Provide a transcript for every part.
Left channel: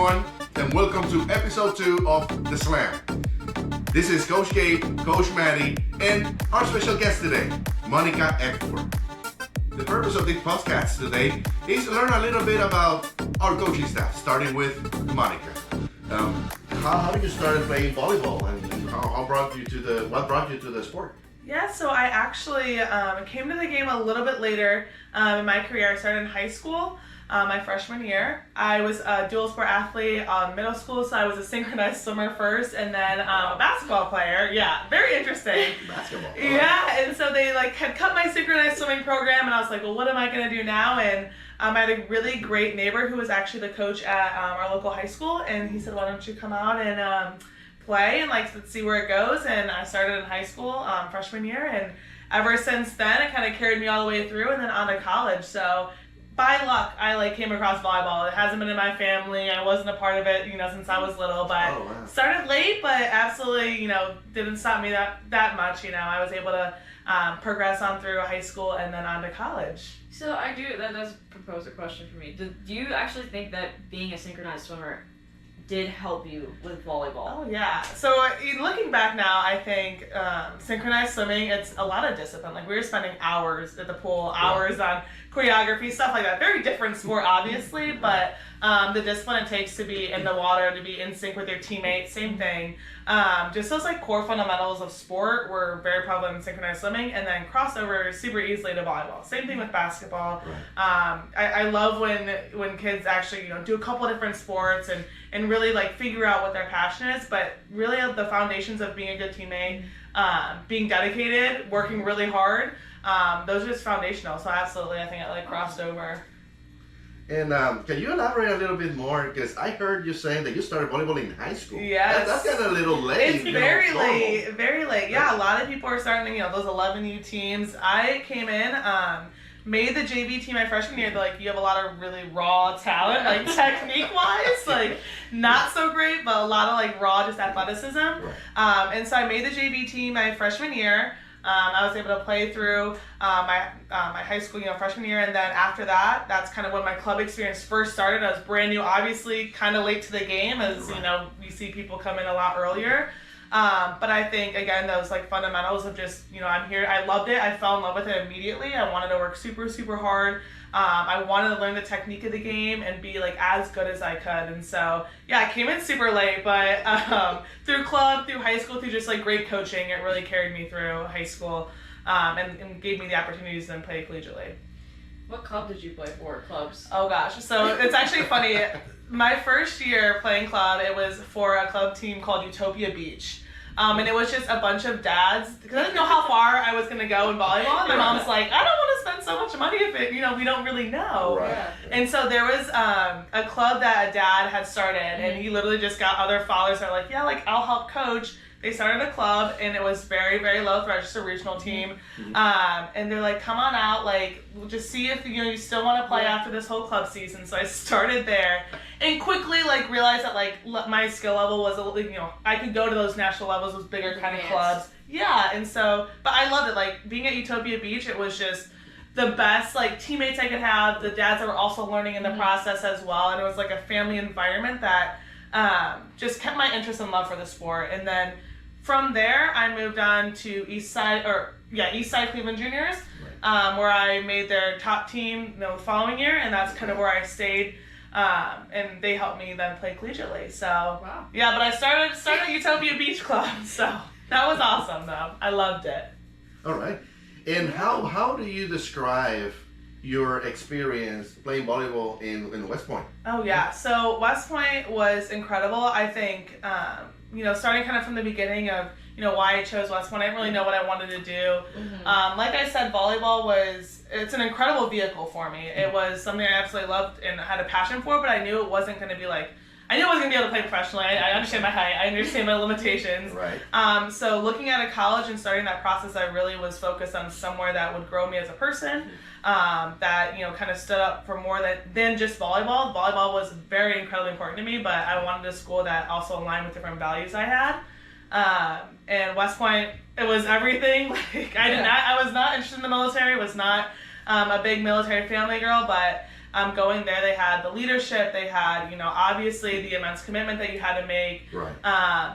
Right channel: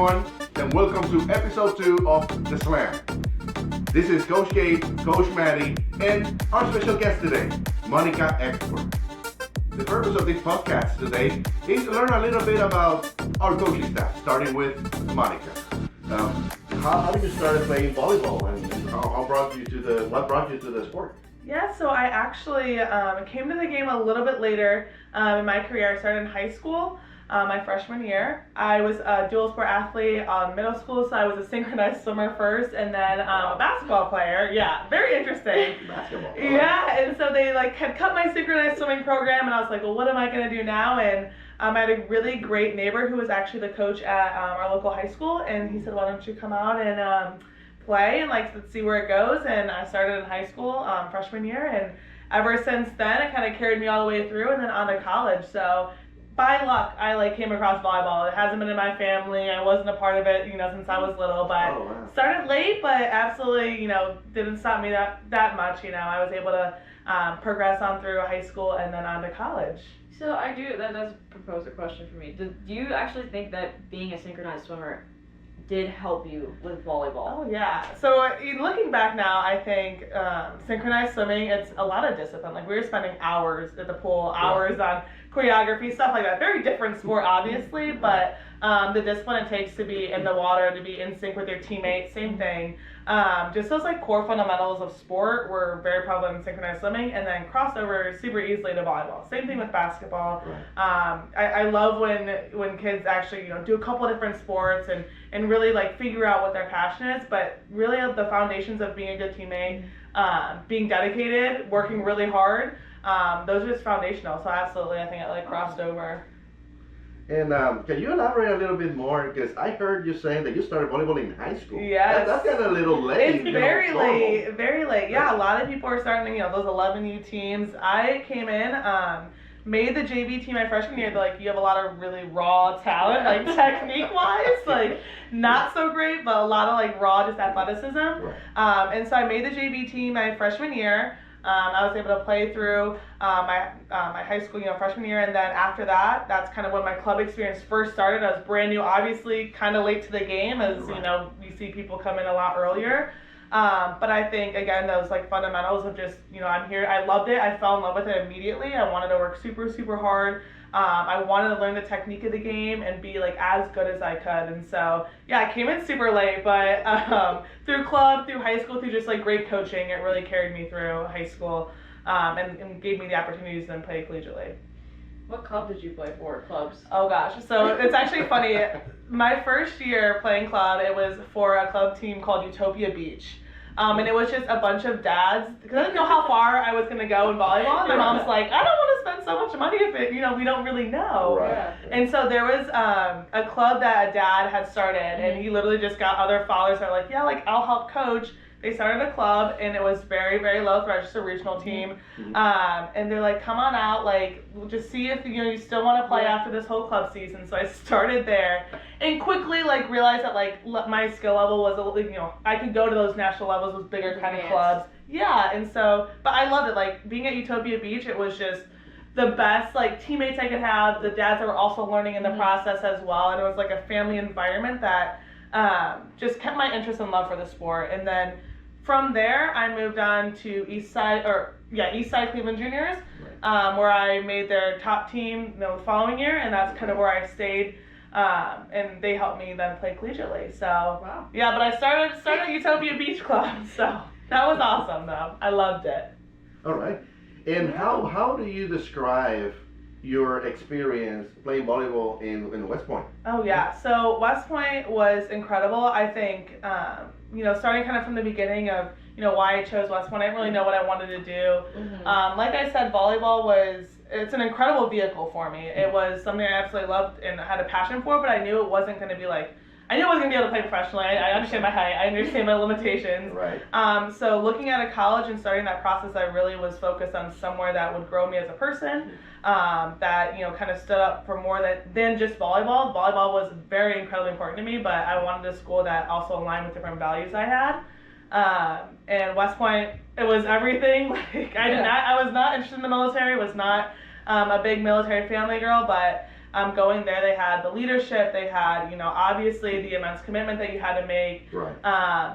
everyone, and welcome to episode 2 of The Slam. This is Coach Gabe, Coach Maddie, and our special guest today, Monica Eckford. The purpose of this podcast today is to learn a little bit about our coaching staff, starting with Monica. How did you start playing volleyball, and what brought you to the sport? Yeah, so I actually came to the game a little bit later in my career. I started in high school, my freshman year. I was a dual sport athlete middle school, so I was a synchronized swimmer first, and then a basketball player. Yeah, very interesting. Basketball. Yeah, and so they had cut my synchronized swimming program, and I was like, well, what am I going to do now? And I had a really great neighbor who was actually the coach at our local high school, and he said, why don't you come out and play and let's see where it goes. And I started in high school freshman year, and ever since then it kind of carried me all the way through and then on to college. So by luck I came across volleyball. It hasn't been in my family. I wasn't a part of it since I was little, but started late, but absolutely didn't stop me that much. I was able to progress on through high school and then on to college. So I do that does propose a question for me. Do you actually think that being a synchronized swimmer did help you with volleyball? Oh yeah. So looking back now, I think synchronized swimming, it's a lot of discipline. We were spending hours at the pool, hours on choreography, stuff like that. Very different sport, obviously, but the discipline it takes to be in the water, to be in sync with your teammates, same thing. Just those core fundamentals of sport were very prevalent in synchronized swimming, and then crossover super easily to volleyball. Same thing with basketball. Right. I love when kids actually do a couple of different sports and really figure out what their passion is, but really the foundations of being a good teammate, being dedicated, working really hard, those are just foundational. So absolutely, I think it crossed over. And can you elaborate a little bit more? Because I heard you saying that you started volleyball in high school. Yes. That's kind of a little late. It's very late, very late. Yeah, a lot of people are starting, those 11U teams. I came in, made the JV team my freshman year. They're you have a lot of really raw talent, technique-wise, not so great, but a lot of raw just athleticism. Right. And so I made the JV team my freshman year. I was able to play through my high school, freshman year, and then after that, that's kind of when my club experience first started. I was brand new, obviously, kind of late to the game, as you see people come in a lot earlier. But I think again those fundamentals of just I'm here. I loved it. I fell in love with it immediately. I wanted to work super super hard. I wanted to learn the technique of the game and be as good as I could. And so yeah, I came in super late, but through club, through high school, through just great coaching, it really carried me through high school and gave me the opportunities to then play collegiately. What club did you play for? Clubs? Oh gosh, so it's actually funny. My first year playing club, it was for a club team called Utopia Beach. And it was just a bunch of dads, because I didn't know how far I was going to go in volleyball. My mom's like, I don't want to spend so much money if we don't really know. Right. And so there was a club that a dad had started, and he literally just got other fathers that were I'll help coach. They started a club, and it was very, very low threat, just a regional team. And they're come on out, we'll just see if you still want to play after this whole club season. So I started there, and quickly realized that my skill level was a little, I could go to those national levels with bigger kind of clubs. Yeah, and so, but I loved it. Being at Utopia Beach, it was just the best teammates I could have. The dads that were also learning in the process as well, and it was a family environment that just kept my interest and love for the sport. And then from there, I moved on to Eastside Cleveland Juniors, where I made their top team the following year, and that's kind of where I stayed. And they helped me then play collegiately. So wow. Yeah, but I started at Utopia Beach Club, so that was awesome though. I loved it. All right. And how do you describe your experience playing volleyball in West Point? Oh yeah, so West Point was incredible. I think starting kind of from the beginning of why I chose West Point, I didn't really know what I wanted to do. Like I said, volleyball it's an incredible vehicle for me. It was something I absolutely loved and had a passion for, but I knew it wasn't going to be I knew I wasn't going to be able to play professionally. I understand my height. I understand my limitations. Right. So looking at a college and starting that process, I really was focused on somewhere that would grow me as a person, that kind of stood up for more than just volleyball. Volleyball was very incredibly important to me, but I wanted a school that also aligned with different values I had. And West Point, it was everything. I was not interested in the military. Was not a big military family girl, but going there, they had the leadership, they had, obviously the immense commitment that you had to make. Right.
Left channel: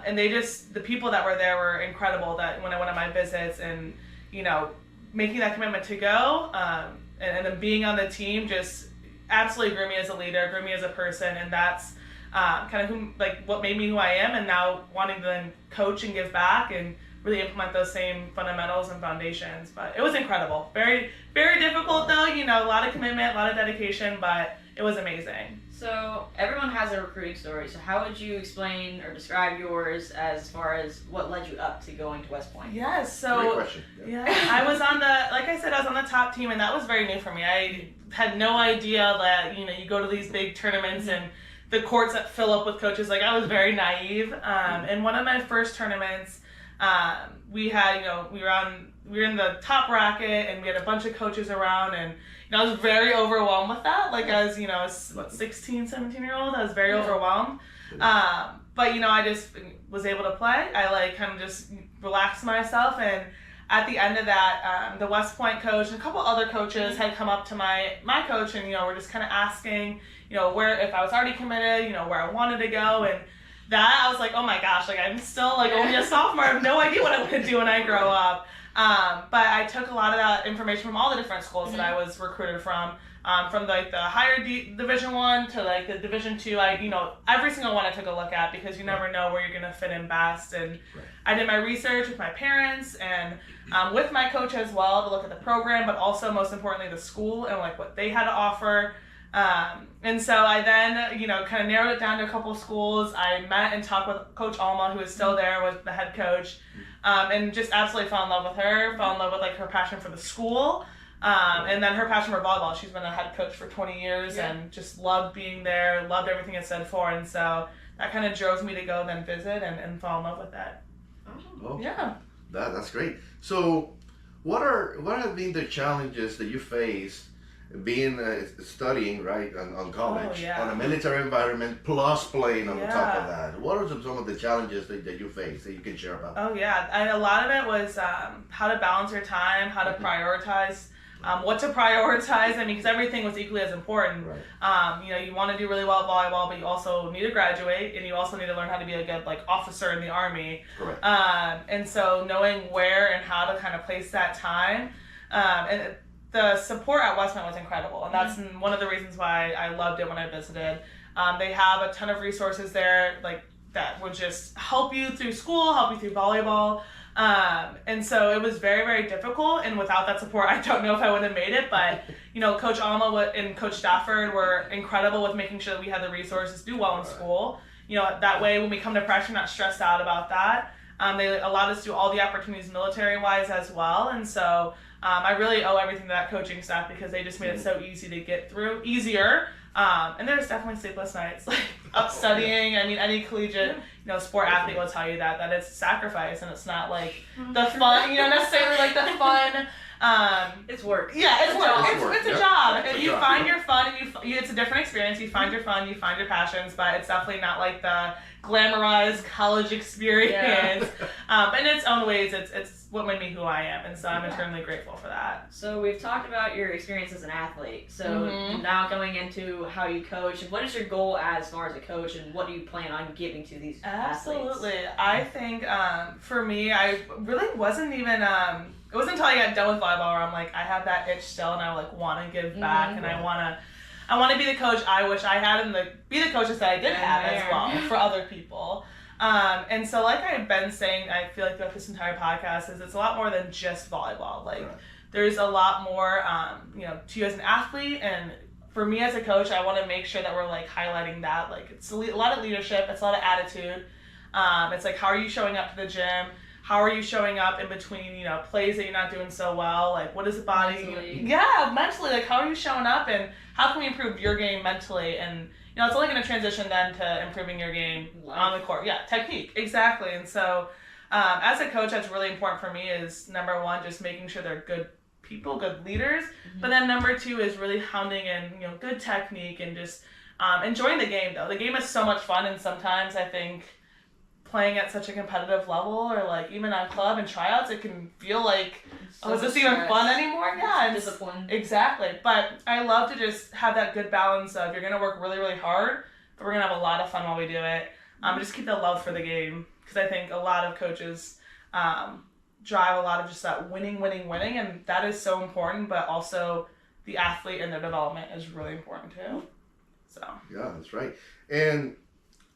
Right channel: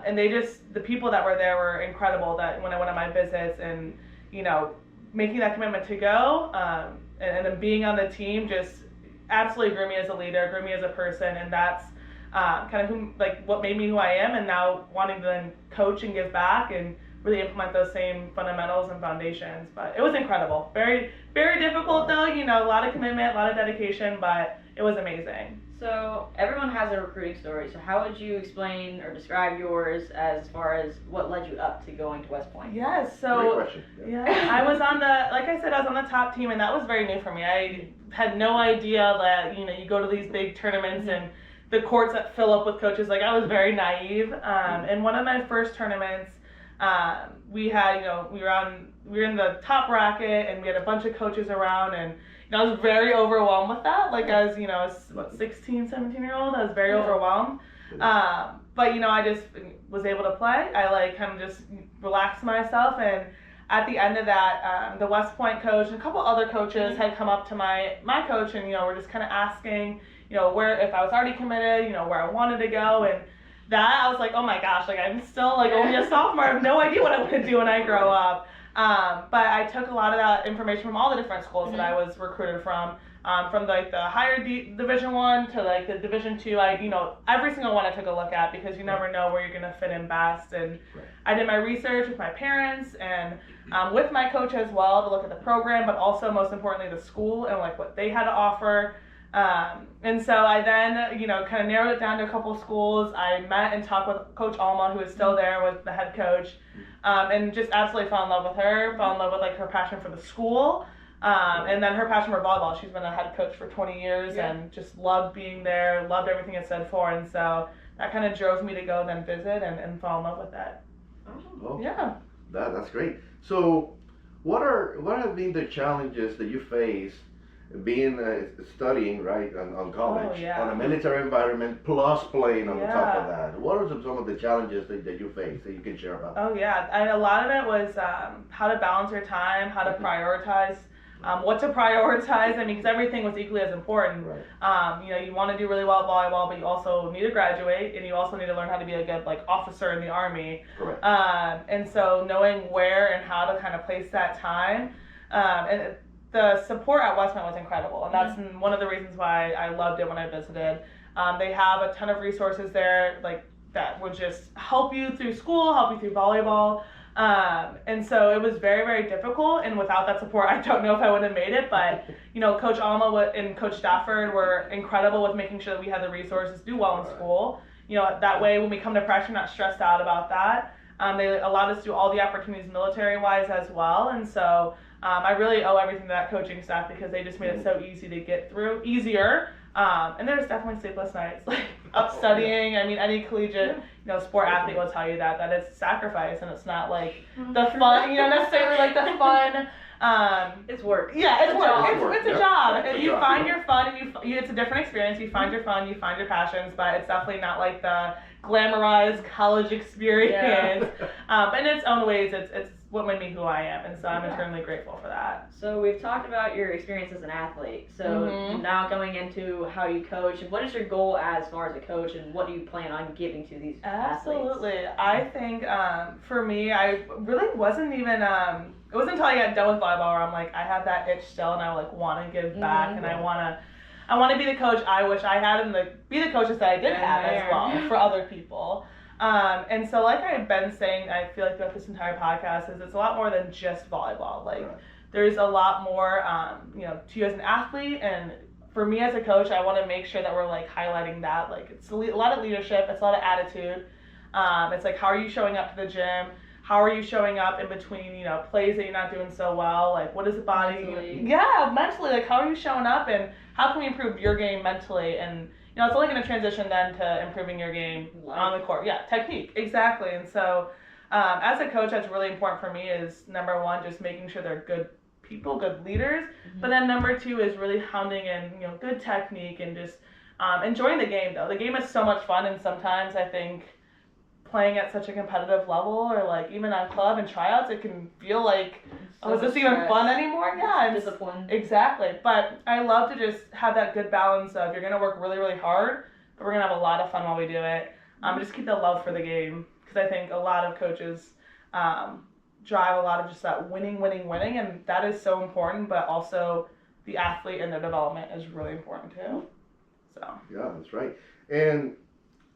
And the people that were there were incredible that when I went on my visits and, making that commitment to go, and then being on the team just absolutely grew me as a leader, grew me as a person. And that's kind of what made me who I am, and now wanting to then coach and give back and really implement those same fundamentals and foundations. But it was incredible. Very, very difficult though, a lot of commitment, a lot of dedication, but it was amazing. So everyone has a recruiting story. So how would you explain or describe yours as far as what led you up to going to West Point? Yes, Great so question. yeah, I was on like I said, I was on the top team, and that was very new for me. I had no idea that, you go to these big tournaments and the courts that fill up with coaches. Like, I was very naive. In one of my first tournaments, we had, we were in the top bracket, and we had a bunch of coaches around, and I was very overwhelmed with that. Like, as 16, 17-year-old, I was very overwhelmed. But I just was able to play. I kind of just relaxed myself, and at the end of that, the West Point coach and a couple other coaches had come up to my coach, and we're just kind of asking, where, if I was already committed, where I wanted to go. And that, I was like, oh my gosh, like, I'm still only a sophomore. I have no idea what I want to do when I grow up. But I took a lot of that information from all the different schools that I was recruited from the higher Division I to the Division II. Every single one I took a look at, because you never know where you're gonna fit in best. And I did my research with my parents and with my coach as well to look at the program, but also most importantly the school and what they had to offer. And so I then, kind of narrowed it down to a couple of schools. I met and talked with Coach Alma, who is still there, was the head coach, and just absolutely fell in love with her, fell in love with her passion for the school, and then her passion for volleyball. She's been a head coach for 20 years and just loved being there, loved everything it stood for. And so that kind of drove me to go then visit and fall in love with that. Oh, yeah. That's great. So what have been the challenges that you faced being studying on college, on a military environment, plus playing on top of that? What are some of the challenges that you face that you can share about? Oh yeah, a lot of it was how to balance your time, how to prioritize, what to prioritize. Because everything was equally as important. You want to do really well at volleyball, but you also need to graduate, and you also need to learn how to be a good officer in the Army. Correct. And so knowing where and how to kind of place that time, and the support at West Point was incredible, and that's one of the reasons why I loved it when I visited. They have a ton of resources there, that would just help you through school, help you through volleyball. And so it was very, very difficult, and without that support, I don't know if I would have made it. But Coach Alma and Coach Stafford were incredible with making sure that we had the resources to do well in school. That way when we come to pressure, not stressed out about that. They allowed us to do all the opportunities military-wise as well, and so I really owe everything to that coaching staff, because they just made it so easy to get through, easier. And there's definitely sleepless nights, up studying. Any collegiate, sport athlete will tell you that it's sacrifice, and it's not the fun, necessarily the fun. It's work. Yeah, it's work. It's a job. It's a You job. find your fun, and it's a different experience. You find your fun, you find your passions, but it's definitely not the glamorized college experience. But in its own ways, it's what made me who I am, and so I'm eternally grateful for that. So we've talked about your experience as an athlete. So now going into how you coach, what is your goal as far as a coach, and what do you plan on giving to these athletes? Absolutely. I think for me, I really wasn't even, it wasn't until I got done with volleyball where I'm I have that itch still, and I want to give back, and I want to be the coach I wish I had, and be the coaches that I did have as well for other people. And so I've been saying, I feel throughout this entire podcast, is it's a lot more than just volleyball. There's a lot more, to you as an athlete, and for me as a coach, I want to make sure that we're highlighting that. It's a lot of leadership, it's a lot of attitude. It's how are you showing up to the gym? How are you showing up in between, plays that you're not doing so well? What is the body? Mentally, how are you showing up, and how can we improve your game mentally? And it's only going to transition then to improving your game on the court. Yeah, technique, exactly. And so, as a coach, that's really important for me. Is number one, just making sure they're good people, good leaders. But then number two is really hounding in, good technique, and just enjoying the game. Though the game is so much fun, and sometimes I think playing at such a competitive level, or even on club and tryouts, it can feel oh, is this even fun anymore? Yeah. Discipline. Exactly. But I love to just have that good balance of you're going to work really, really hard, but we're going to have a lot of fun while we do it. Just keep the love for the game. Because I think a lot of coaches drive a lot of just that winning, and that is so important, but also the athlete and their development is really important too. So. Yeah, that's right. And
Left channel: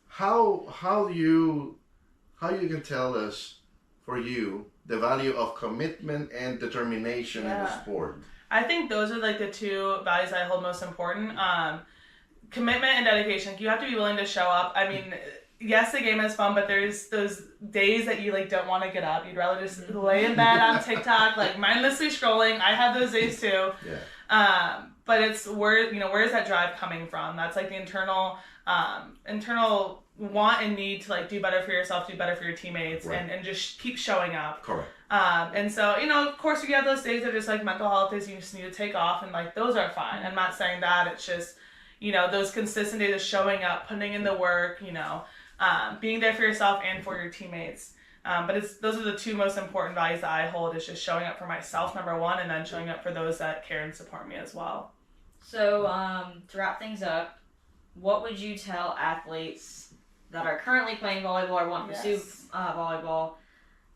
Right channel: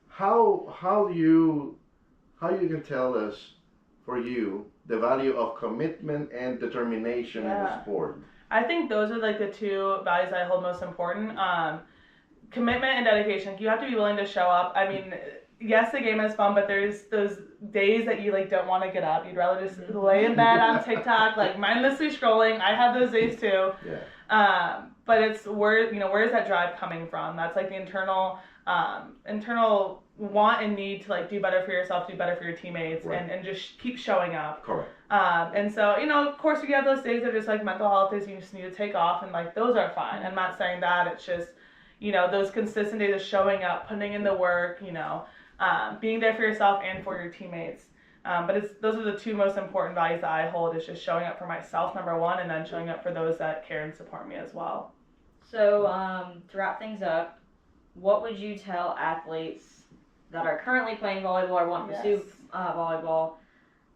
how you can tell us for you the value of commitment and determination in the sport? I think those are like the two values I hold most important. Commitment and dedication. You have to be willing to show up. I mean, yes, the game is fun, but there's those days that you like don't want to get up. You'd rather just lay in bed on TikTok, like mindlessly scrolling. I have those days too. Yeah. But it's where is that drive coming from? That's like the internal want and need to like do better for yourself, do better for your teammates, right. and just keep showing up. Correct. And so, of course you have those days that are just like mental health days you just need to take off, and like those are fine. I'm not saying that. It's just, those consistent days of showing up, putting in the work, being there for yourself and for your teammates. But those are the two most important values that I hold, is just showing up for myself, number one, and then showing up for those that care and support me as well. So to wrap things up, what would you tell athletes that are currently playing volleyball or want to pursue volleyball?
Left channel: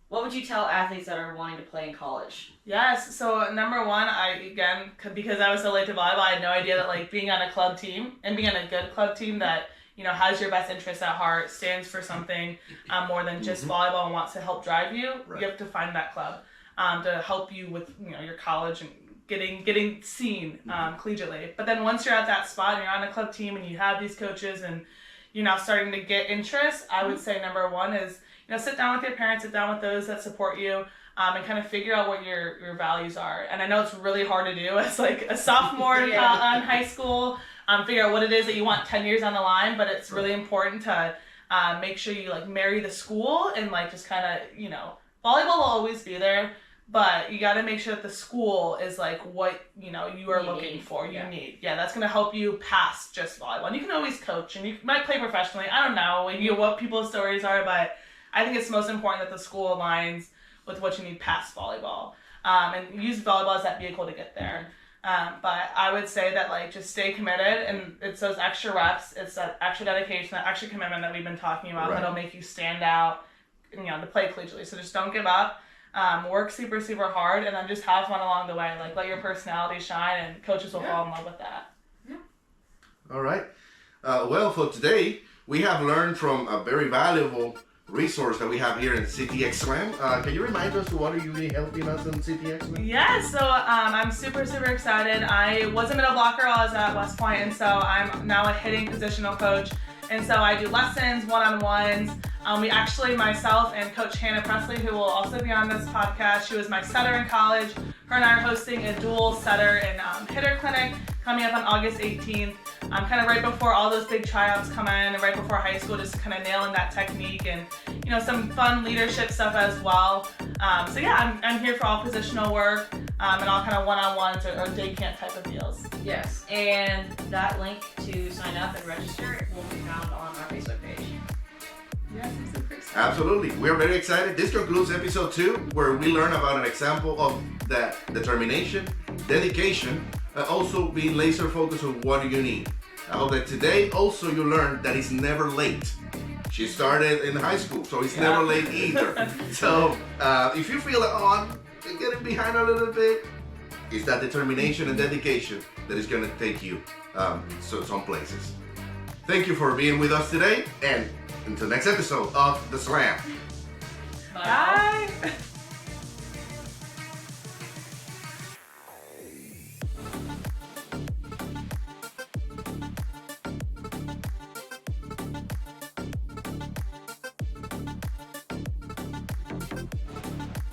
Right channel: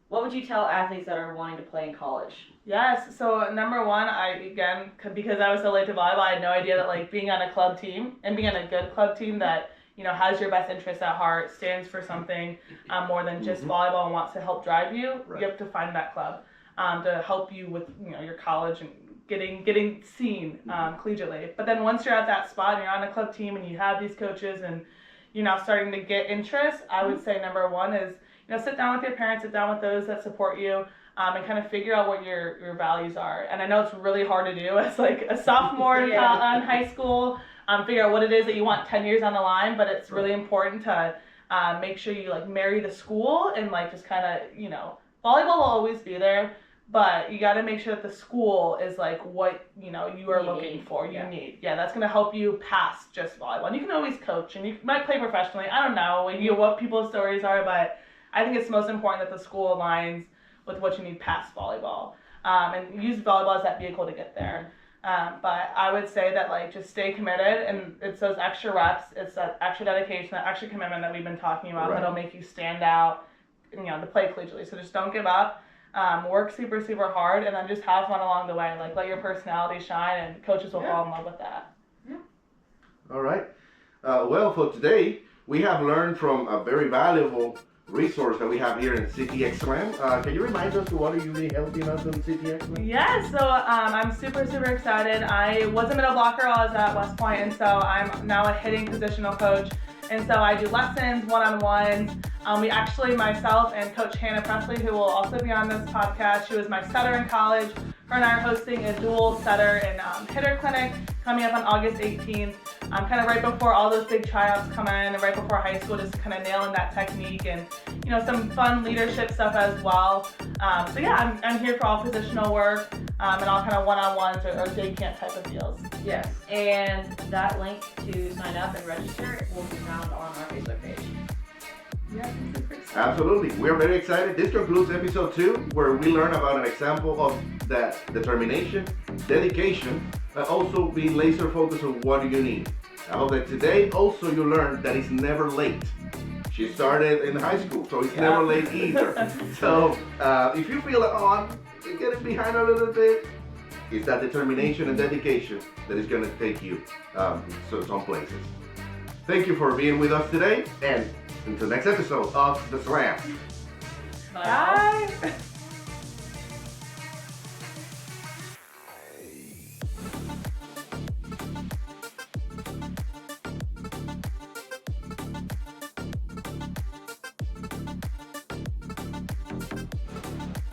What would you tell athletes that are wanting to play in college? Yes. So number one, because I was so late to volleyball, I had no idea that like being on a club team and being on a good club team that has your best interests at heart, stands for something more than just volleyball and wants to help drive you. Right. You have to find that club to help you with your college and getting seen collegiately. But then once you're at that spot and you're on a club team and you have these coaches and you're now starting to get interest, I would say number one is sit down with your parents, sit down with those that support you, and kind of figure out what your values are. And I know it's really hard to do as like a sophomore in high school. Figure out what it is that you want 10 years on the line, but it's really important to make sure you like marry the school and like just kind of, volleyball will always be there, but you got to make sure that the school is like what, you are looking for, you need. Yeah, that's going to help you pass just volleyball. And you can always coach and you might play professionally. I don't know what people's stories are, but I think it's most important that the school aligns with what you need past volleyball, and use volleyball as that vehicle to get there. But I would say that like just stay committed, and it's those extra reps, it's that extra dedication, that extra commitment that we've been talking about that'll make you stand out, to play collegiately. So just don't give up, work super, super hard, and then just have fun along the way. Like let your personality shine, and coaches will fall in love with that. Yeah. All right. Well, for today, we have learned from a very valuable resource that we have here in CTX Slam. Can you remind us what are you really helping us in CTX Slam? Yeah, so I'm super, super excited. I was a middle blocker while I was at West Point, and so I'm now a hitting positional coach. And so I do lessons, one-on-ones. We actually, myself and Coach Hannah Presley, who will also be on this podcast, she was my setter in college. Her and I are hosting a dual setter and hitter clinic coming up on August 18th. Kind of right before all those big tryouts come in, and right before high school, just kind of nailing that technique and some fun leadership stuff as well. So yeah, I'm here for all positional work and all kind of one-on-ones or day camp type of deals. Yes, and that link to sign up and register will be found on our Facebook page. Yeah, I'm super excited. Absolutely. We're very excited. This concludes episode 2, where we learn about an example of that determination, dedication, and also being laser focused on what do you need. I hope that today also you learned that it's never late. She started in high school, so it's never late either. So if you feel like, I'm getting behind a little bit, it's that determination and dedication that is going to take you some places. Thank you for being with us today, and until next episode of The Slam. Bye. Bye.